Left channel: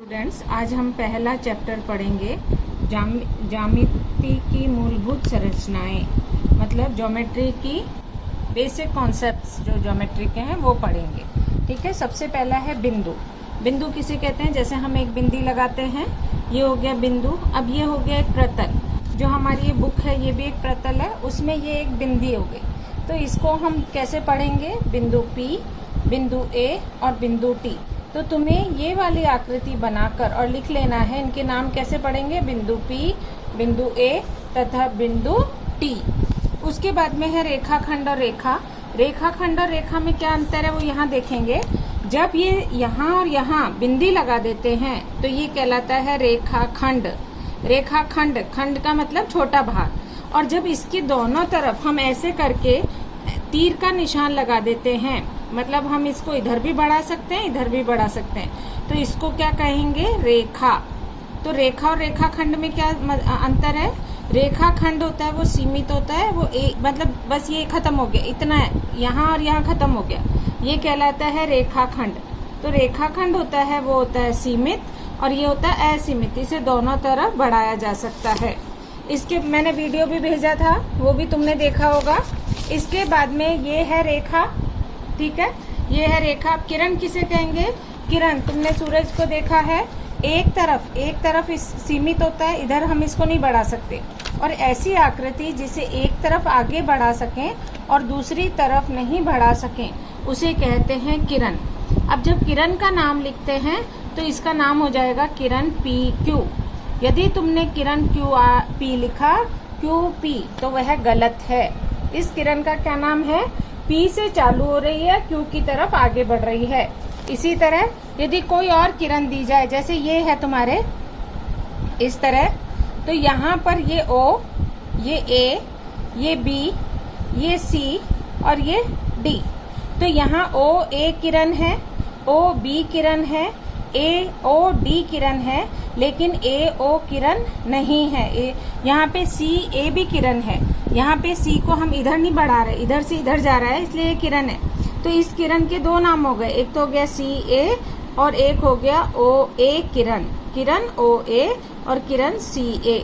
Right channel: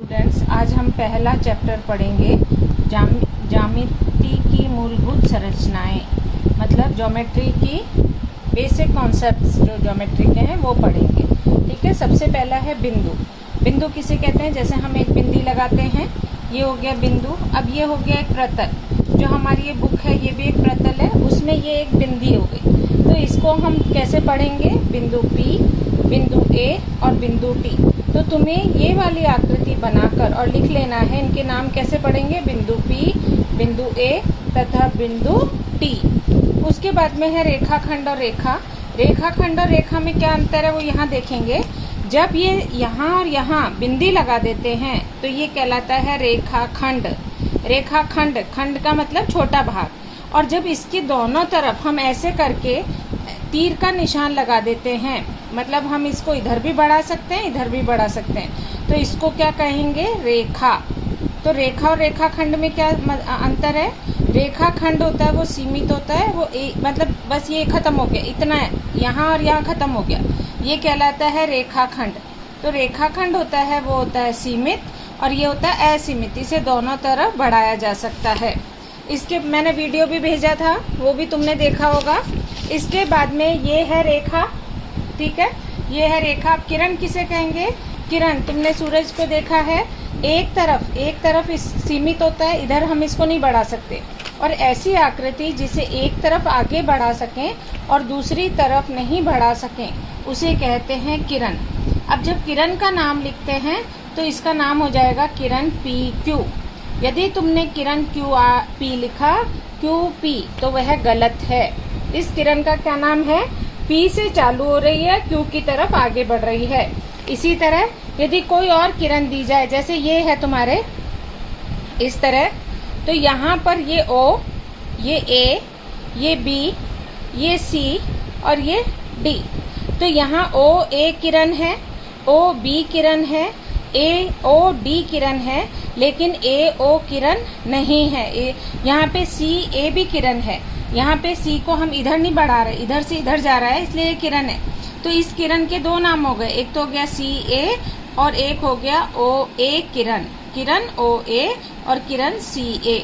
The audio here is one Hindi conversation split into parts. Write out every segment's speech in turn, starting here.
स्टूडेंट्स, आज हम पहला चैप्टर पढ़ेंगे ज्यामिति की मूलभूत संरचनाएं, मतलब ज्योमेट्री की बेसिक कॉन्सेप्ट्स जो ज्योमेट्री के हैं वो पढ़ेंगे। ठीक है। सबसे पहला है बिंदु। बिंदु किसे कहते हैं? जैसे हम एक बिंदी लगाते हैं, ये हो गया बिंदु। अब ये हो गया एक प्रतल। जो हमारी ये बुक है ये भी एक प्रतल है, उसमें ये एक बिंदी हो गई। तो इसको हम कैसे पढ़ेंगे? बिंदु P, बिंदु A और बिंदु T। तो तुम्हें ये वाली आकृति बनाकर और लिख लेना है, इनके नाम कैसे पढ़ेंगे? बिंदु P, बिंदु A तथा बिंदु T। उसके बाद में है रेखाखंड और रेखा। रेखाखंड और रेखा में क्या अंतर है वो यहाँ देखेंगे। जब ये यहाँ और यहाँ बिंदी लगा देते हैं तो ये कहलाता है रेखाखंड। रेखाखंड, खंड का मतलब छोटा भाग। और जब इसके दोनों तरफ हम ऐसे करके तीर का निशान लगा देते हैं, मतलब हम इसको इधर भी बढ़ा सकते हैं, इधर भी बढ़ा सकते हैं, तो इसको क्या कहेंगे? रेखा। तो रेखा और रेखाखंड में क्या अंतर है? रेखाखंड होता है वो सीमित होता है, वो मतलब बस ये खत्म हो गया, इतना है, यहाँ और यहाँ खत्म हो गया, ये कहलाता है रेखाखंड। तो रेखाखंड होता है वो होता है सीमित, और ये होता है असीमित, इसे दोनों तरफ बढ़ाया जा सकता है। इसके मैंने वीडियो भी भेजा था, वो भी तुमने देखा होगा। इसके बाद में ये है रेखा। ठीक है, ये है रेखा। किरण किसे कहेंगे? किरण, तुमने सूरज को देखा है, एक तरफ इस सीमित होता है, इधर हम इसको नहीं बढ़ा सकते। और ऐसी आकृति जिसे एक तरफ आगे बढ़ा सकें और दूसरी तरफ नहीं बढ़ा सकें, उसे कहते हैं किरण। अब जब किरण का नाम लिखते हैं तो इसका नाम हो जाएगा किरण PQ। यदि तुमने किरण QP लिखा, QP, तो वह गलत है। इस किरण का क्या नाम है? P से चालू हो रही है, Q की तरफ आगे बढ़ रही है। इसी तरह यदि कोई और किरण दी जाए, जैसे ये है तुम्हारे इस तरह, तो यहाँ पर ये O, ये A, ये B, ये C और ये D। तो यहाँ OA किरण है, OB किरण है, AOD किरण है, लेकिन AO किरण नहीं है। यहाँ पे CA भी किरण है। यहाँ पे C को हम इधर नहीं बढ़ा रहे, इधर से इधर जा रहा है, इसलिए ये किरण है। तो इस किरण के दो नाम हो गए, एक तो हो गया CA और एक हो गया OA किरण। किरण OA और किरण CA।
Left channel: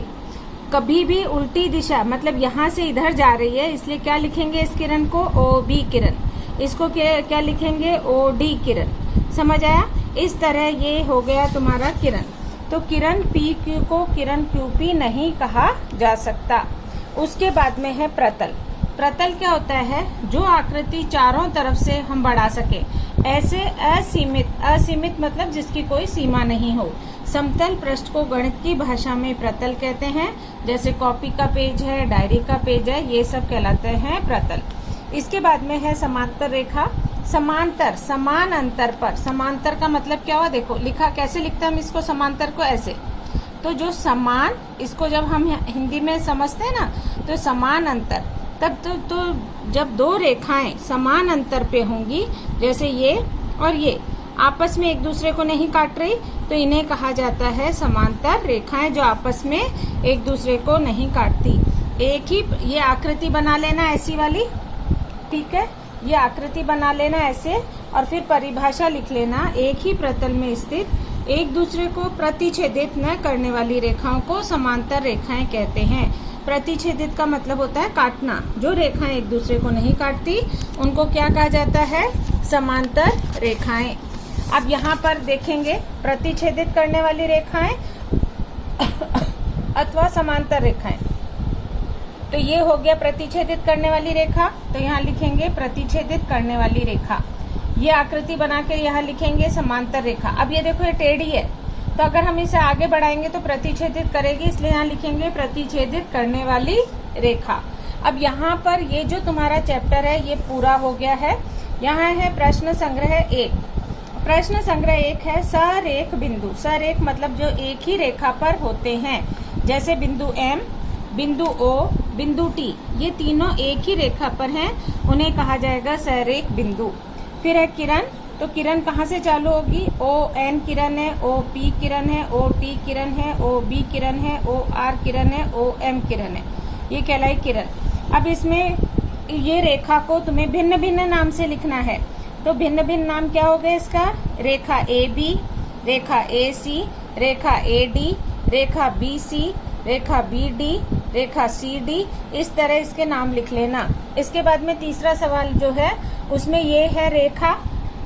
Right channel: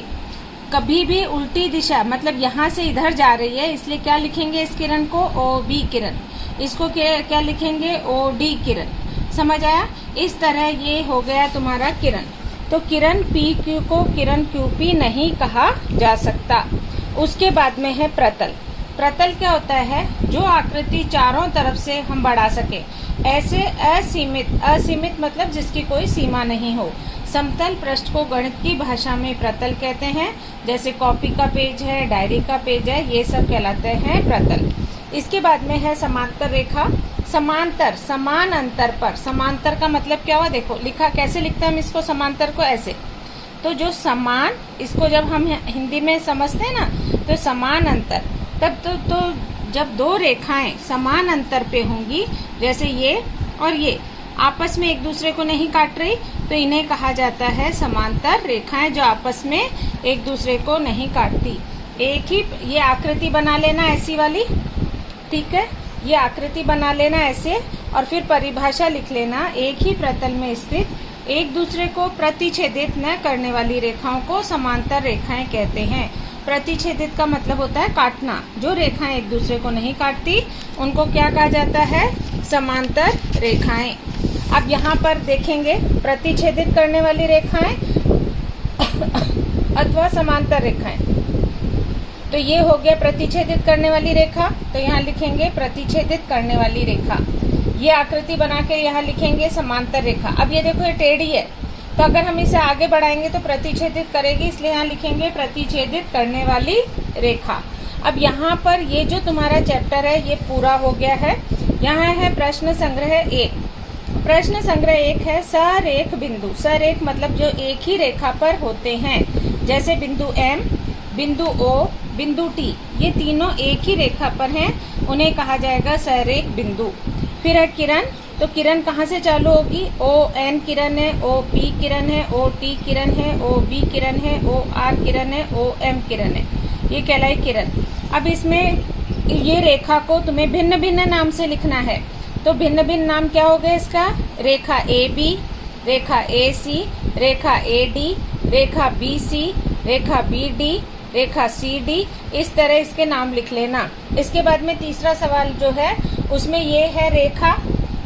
कभी भी उल्टी दिशा, मतलब यहाँ से इधर जा रही है, इसलिए क्या लिखेंगे इस किरण को? OB किरण। इसको क्या लिखेंगे? OD किरण। समझ आया? इस तरह ये हो गया तुम्हारा किरण। तो किरण PQ को किरण QP नहीं कहा जा सकता। उसके बाद में है प्रतल। प्रतल क्या होता है? जो आकृति चारों तरफ से हम बढ़ा सके, ऐसे असीमित मतलब जिसकी कोई सीमा नहीं हो। समतल पृष्ठ को गणित की भाषा में प्रतल कहते हैं। जैसे कॉपी का पेज है, डायरी का पेज है, ये सब कहलाते हैं प्रतल। इसके बाद में है समांतर रेखा। समांतर, समान अंतर पर। समांतर का मतलब क्या हुआ? देखो लिखा कैसे लिखते हैं हम इसको, समांतर को ऐसे। तो जो समान, इसको जब हम हिंदी में समझते हैं ना, तो समान अंतर, तब तो जब दो रेखाएं समान अंतर पे होंगी, जैसे ये और ये आपस में एक दूसरे को नहीं काट रही, तो इन्हें कहा जाता है समांतर रेखाएं, जो आपस में एक दूसरे को नहीं काटती। एक ही ये आकृति बना लेना ऐसी वाली। ठीक है, ये आकृति बना लेना ऐसे, और फिर परिभाषा लिख लेना। एक ही प्रतल में स्थित एक दूसरे को प्रतिच्छेदित न करने वाली रेखाओं को समांतर रेखाएं कहते हैं। प्रतिच्छेदित का मतलब होता है काटना। जो रेखाएं एक दूसरे को नहीं काटती उनको क्या कहा जाता है? समांतर रेखाएं। अब यहाँ पर देखेंगे प्रतिच्छेदित करने वाली रेखाएं अथवा समांतर रेखाएं। तो ये हो गया प्रतिच्छेदित करने वाली रेखा, तो यहाँ लिखेंगे प्रतिच्छेदित करने वाली रेखा। ये आकृति बना के यहाँ लिखेंगे समांतर रेखा। अब ये देखो ये टेढ़ी है, तो अगर हम इसे आगे बढ़ाएंगे तो प्रतिच्छेदित करेगी, इसलिए यहाँ लिखेंगे प्रतिच्छेदित करने वाली रेखा। अब यहाँ पर ये जो तुम्हारा चैप्टर है ये पूरा हो गया है। यहाँ है प्रश्न संग्रह 1। प्रश्न संग्रह 1 है सरेख बिंदु। सरेख मतलब जो एक ही रेखा पर होते हैं, जैसे बिंदु M, बिंदु O, बिंदु T, ये तीनों एक ही रेखा पर हैं, उन्हें कहा जाएगा सरेख बिंदु। फिर है किरण। तो किरण कहाँ से चालू होगी? ON किरण है, OP किरण है, OT किरण है, OB किरण है, OR किरण है, OM किरण है, ये कहलाई किरण। अब इसमें ये रेखा को तुम्हें भिन्न भिन्न नाम से लिखना है। तो भिन्न भिन्न नाम क्या हो गया इसका? रेखा AB, रेखा AC, रेखा AD, रेखा BC, रेखा BD, रेखा CD, इस तरह इसके नाम लिख लेना। इसके बाद में तीसरा सवाल जो है उसमें ये है रेखा,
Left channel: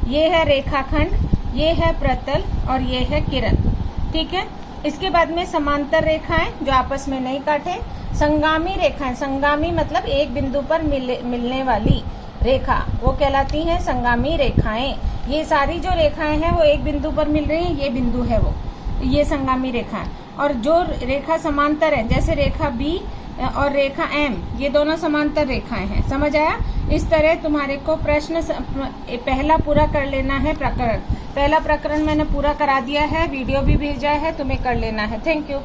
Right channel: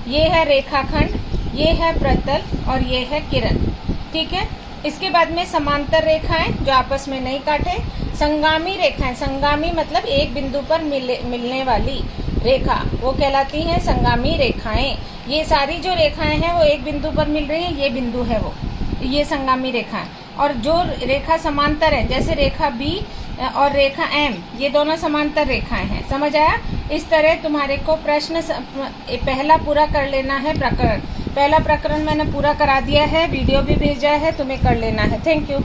ये है रेखाखंड, ये है प्रतल और ये है किरण। ठीक है। इसके बाद में समांतर रेखाएं जो आपस में नहीं काटे, संगामी रेखाएं, संगामी मतलब एक बिंदु पर मिलने वाली रेखा, वो कहलाती हैं संगामी रेखाएं। ये सारी जो रेखाएं हैं वो एक बिंदु पर मिल रही हैं, ये बिंदु है वो, ये संगामी रेखा। और जो रेखा समांतर है, जैसे रेखा B और रेखा M, ये दोनों समांतर रेखाएं हैं। समझ आया? इस तरह तुम्हारे को प्रश्न पहला पूरा कर लेना है प्रकरण। पहला प्रकरण मैंने पूरा करा दिया है, वीडियो भी भेजा है, तुम्हें कर लेना है। Thank you.